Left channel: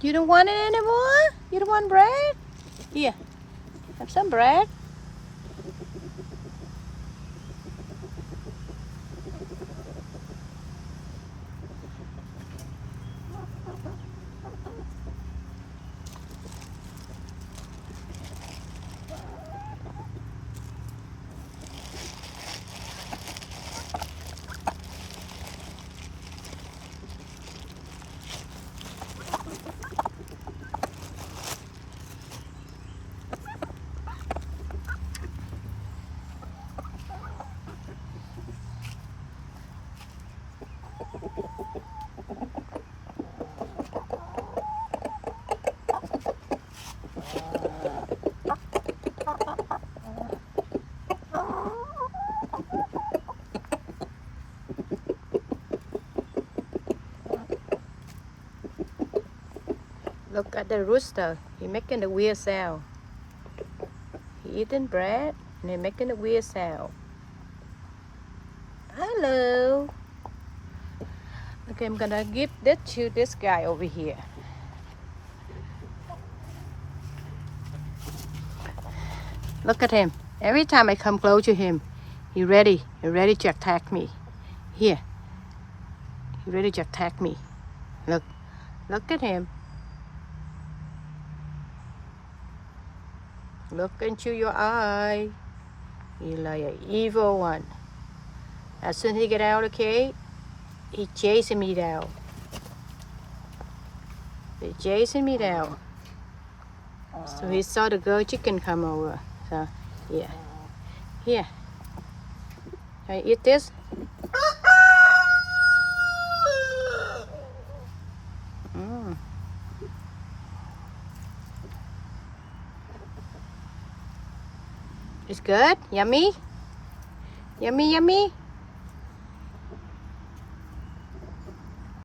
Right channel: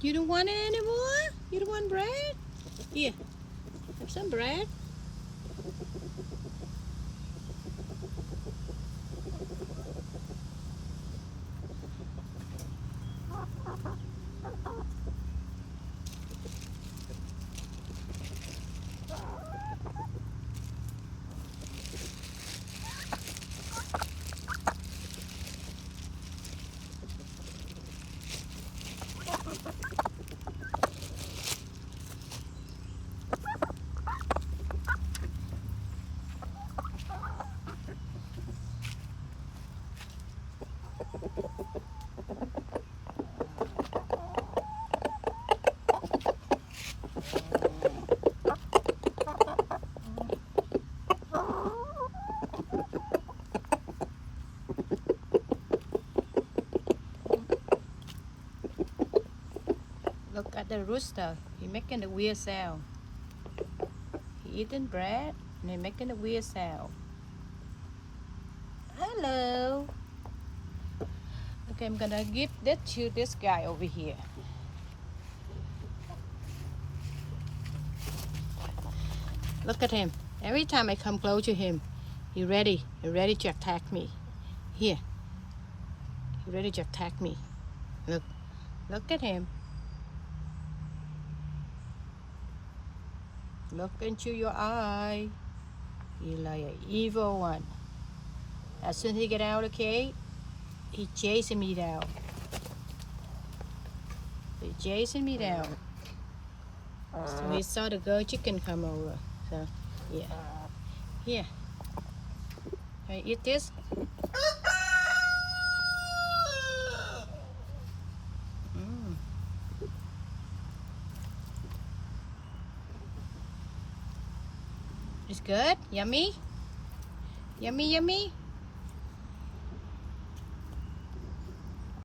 You don't want it anymore? You don't want bread? Here, have some bread. Look at the rooster. He's making the weird sound. He eating bread and he's making the weird sound. Hello. Okay, I'm gonna give this to this guy over here. Look at him. Every time I come close to him, he's ready to attack me. Here. He's ready to attack me. Look at him. Look into your eye. He's like an evil one. As soon as he get out of the cage, he's chasing me down. He's chasing me down. So he saw the girl chicken come over. So, yeah. Here. Can I eat this? Mm. It's good? Yummy? Yummy, yummy?